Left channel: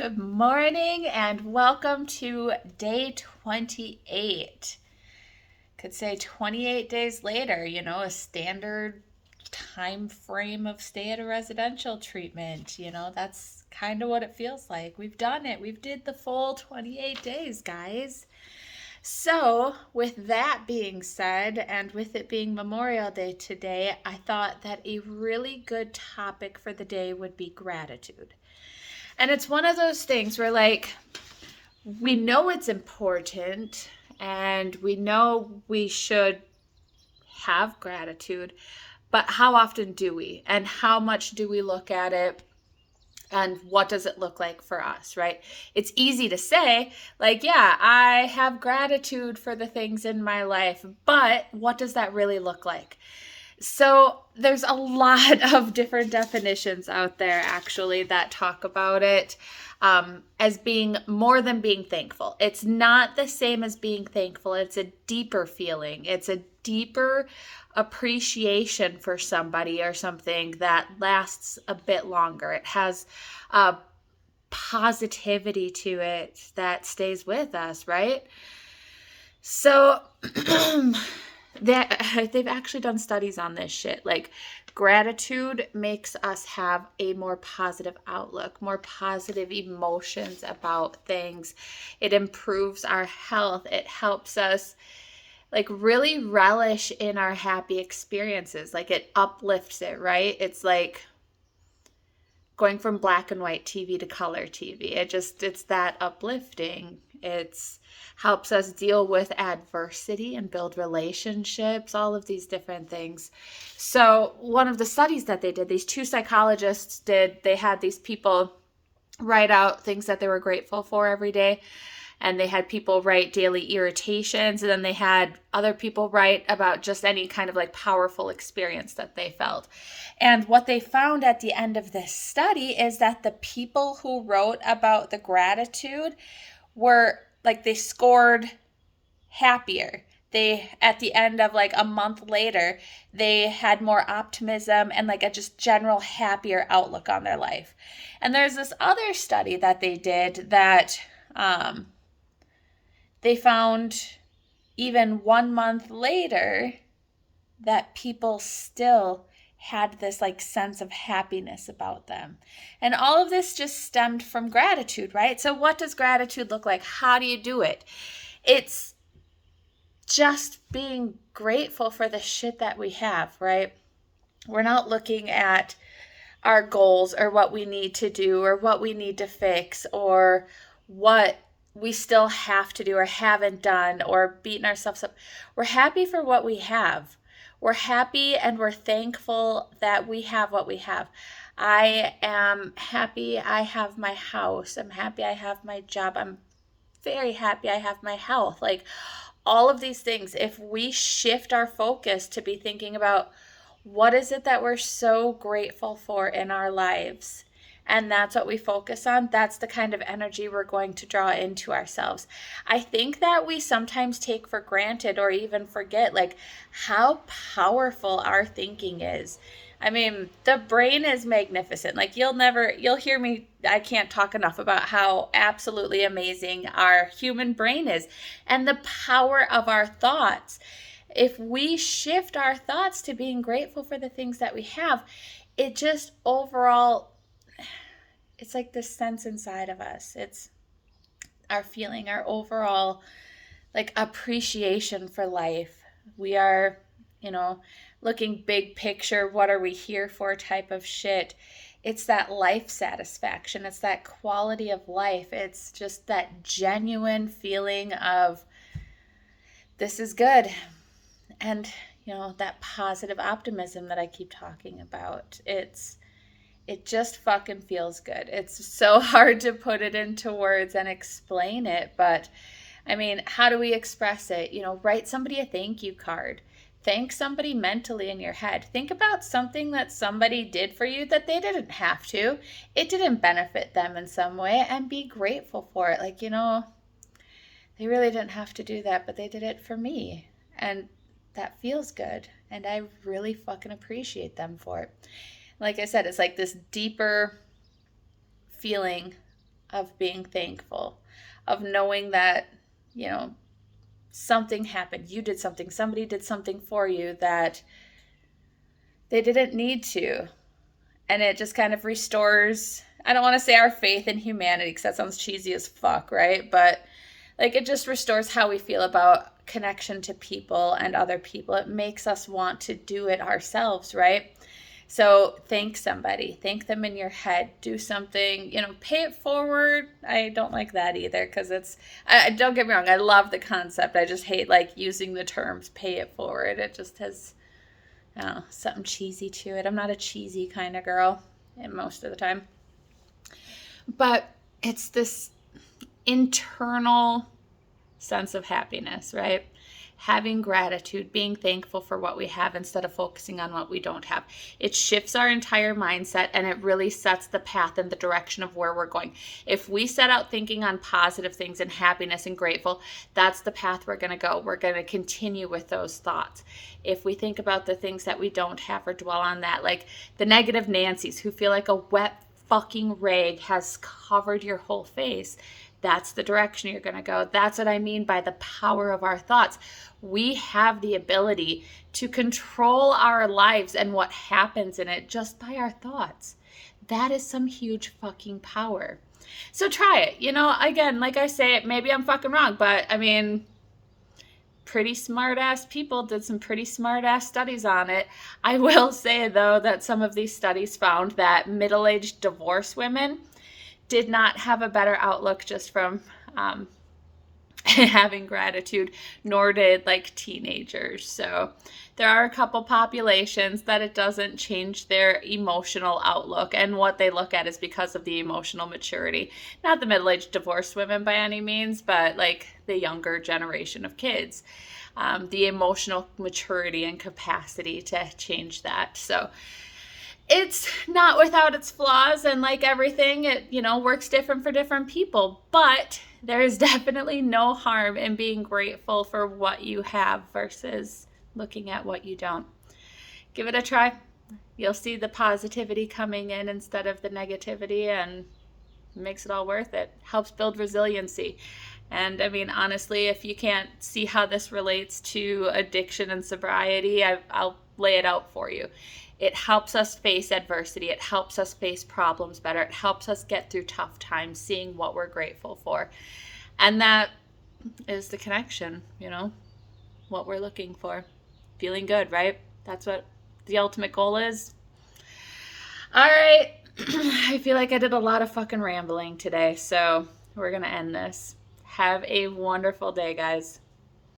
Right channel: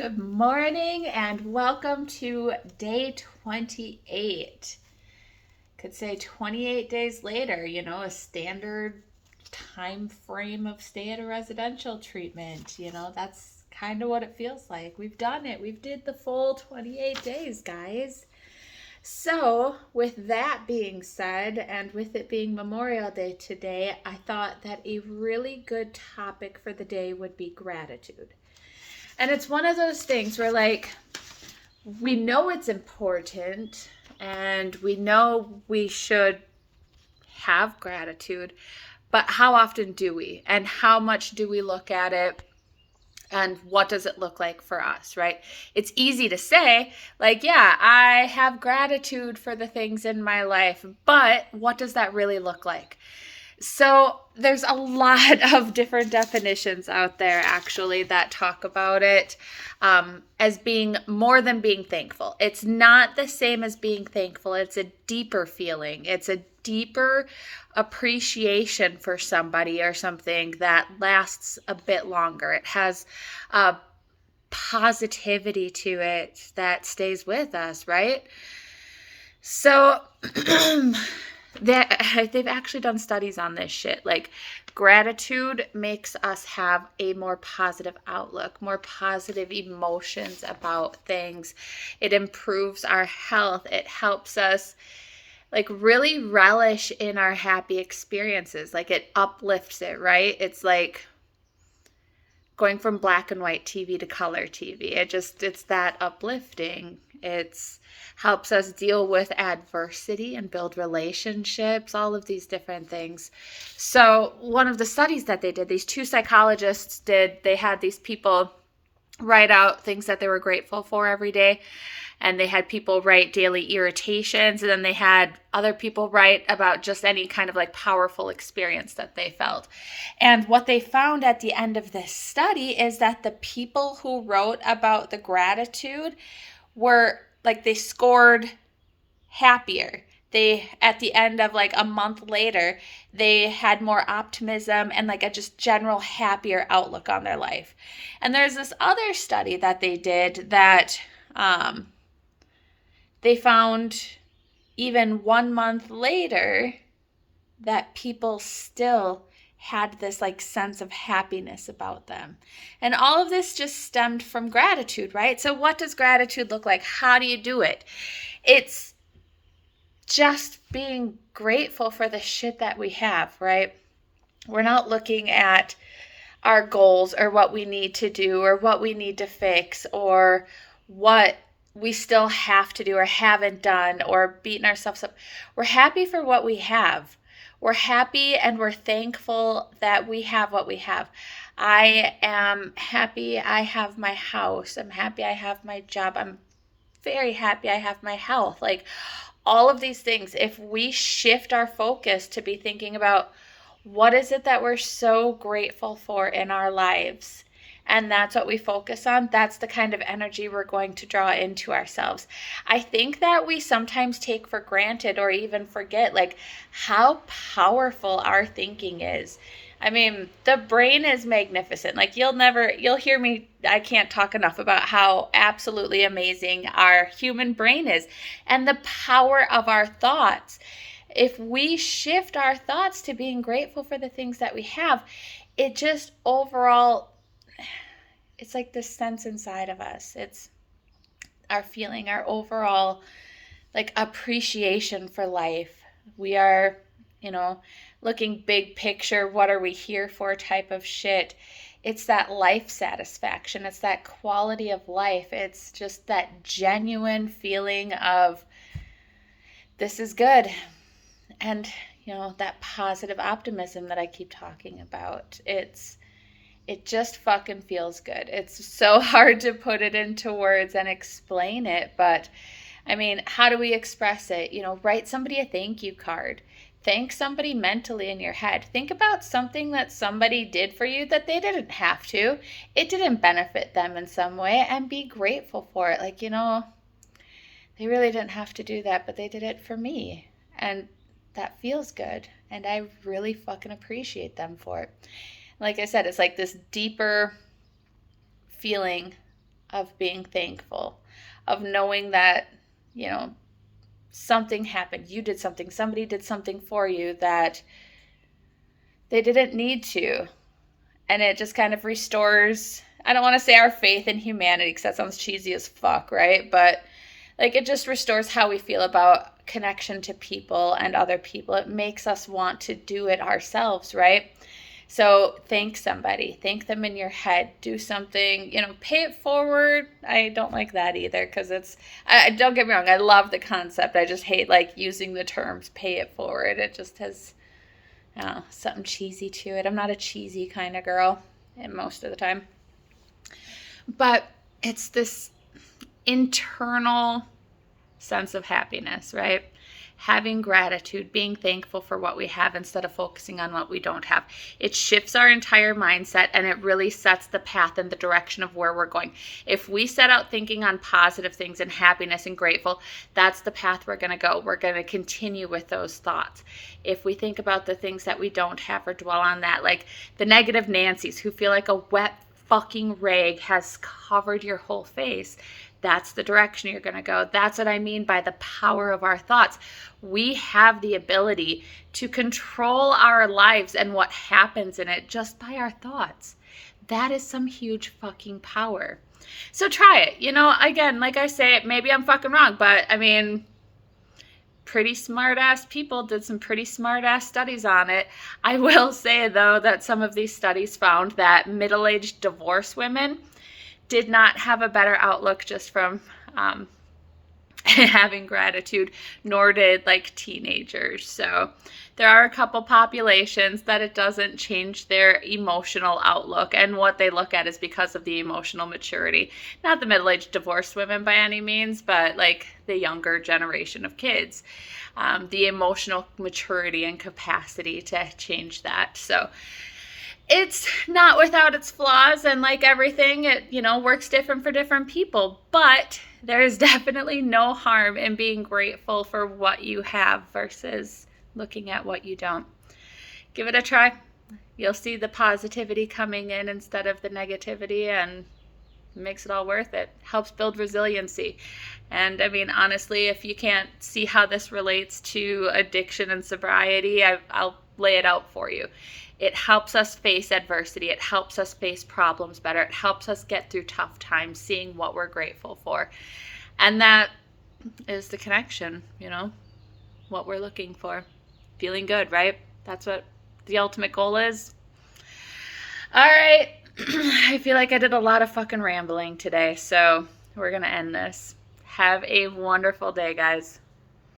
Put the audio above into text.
Good morning and welcome to day 28. Could say 28 days later, a standard time frame of stay at a residential treatment. That's kind of what it feels like. We've done it. We've did the full 28 days, guys. So, with that being said, and with it being Memorial Day today, I thought that a really good topic for the day would be gratitude. And it's one of those things where, we know it's important and we know we should have gratitude, but how often do we? And how much do we look at it? And what does it look like for us, right? It's easy to say, yeah, I have gratitude for the things in my life, but what does that really look like? So there's a lot of different definitions out there actually that talk about it as being more than being thankful. It's not the same as being thankful. It's a deeper feeling. It's a deeper appreciation for somebody or something that lasts a bit longer. It has a positivity to it that stays with us, right? So they've actually done studies on this shit. Gratitude makes us have a more positive outlook, more positive emotions about things. It improves our health. It helps us really relish in our happy experiences. It uplifts it, right? It's like going from black and white TV to color TV. It's that uplifting. It's helps us deal with adversity and build relationships, all of these different things. So one of the studies that they did, these two psychologists did, they had these people write out things that they were grateful for every day. And they had people write daily irritations, and then they had other people write about just any kind of powerful experience that they felt. And what they found at the end of this study is that the people who wrote about the gratitude were they scored happier. They, at the end of a month later, they had more optimism and a just general happier outlook on their life. And there's this other study that they did that they found even 1 month later that people still had this sense of happiness about them. And all of this just stemmed from gratitude, right? So what does gratitude look like? How do you do it? It's just being grateful for the shit that we have, right? We're not looking at our goals or what we need to do or what we need to fix or what we still have to do or haven't done or beating ourselves up. We're happy for what we have. We're happy and we're thankful that we have what we have. I am happy I have my house. I'm happy I have my job. I'm very happy I have my health. All of these things, if we shift our focus to be thinking about what is it that we're so grateful for in our lives, and that's what we focus on, that's the kind of energy we're going to draw into ourselves. I think that we sometimes take for granted or even forget how powerful our thinking is. I mean, the brain is magnificent. You'll hear me, I can't talk enough about how absolutely amazing our human brain is and the power of our thoughts. If we shift our thoughts to being grateful for the things that we have, it just overall, it's this sense inside of us. It's our feeling, our overall appreciation for life. We are, looking big picture, what are we here for type of shit. It's that life satisfaction. It's that quality of life. It's just that genuine feeling of this is good. And, that positive optimism that I keep talking about. It just fucking feels good. It's so hard to put it into words and explain it, but I mean, how do we express it? Write somebody a thank you card. Thank somebody mentally in your head. Think about something that somebody did for you that they didn't have to. It didn't benefit them in some way, and be grateful for it. They really didn't have to do that, but they did it for me. And that feels good. And I really fucking appreciate them for it. Like I said, it's this deeper feeling of being thankful, of knowing that, you know, something happened, you did something, somebody did something for you that they didn't need to. And it just kind of restores, I don't want to say our faith in humanity because that sounds cheesy as fuck, right? But like it just restores how we feel about connection to people and other people. It makes us want to do it ourselves, right? So thank somebody, thank them in your head, do something, pay it forward. I don't like that either because don't get me wrong, I love the concept. I just hate like using the terms pay it forward. It just has something cheesy to it. I'm not a cheesy kind of girl most of the time. But it's this internal sense of happiness, right? Having gratitude, being thankful for what we have instead of focusing on what we don't have. It shifts our entire mindset and it really sets the path in the direction of where we're going. If we set out thinking on positive things and happiness and grateful, that's the path we're going to go. We're going to continue with those thoughts. If we think about the things that we don't have or dwell on that, like the negative Nancys who feel like a wet fucking rag has covered your whole face, that's the direction you're going to go. That's what I mean by the power of our thoughts. We have the ability to control our lives and what happens in it just by our thoughts. That is some huge fucking power. So try it. Again, like I say, maybe I'm fucking wrong, but I mean, pretty smart ass people did some pretty smart ass studies on it. I will say though that some of these studies found that middle-aged divorced women did not have a better outlook just from having gratitude, nor did like teenagers. So there are a couple populations that it doesn't change their emotional outlook, and what they look at is because of the emotional maturity. Not the middle-aged divorced women by any means, but like the younger generation of kids. The emotional maturity and capacity to change that. So it's not without its flaws, and like everything, it, works different for different people, but there is definitely no harm in being grateful for what you have versus looking at what you don't. Give it a try. You'll see the positivity coming in instead of the negativity, and it makes it all worth it. Helps build resiliency. And I mean, honestly, if you can't see how this relates to addiction and sobriety, I'll lay it out for you. It helps us face adversity. It helps us face problems better. It helps us get through tough times, seeing what we're grateful for. And that is the connection, what we're looking for. Feeling good, right? That's what the ultimate goal is. All right. I feel like I did a lot of fucking rambling today, so we're going to end this. Have a wonderful day, guys.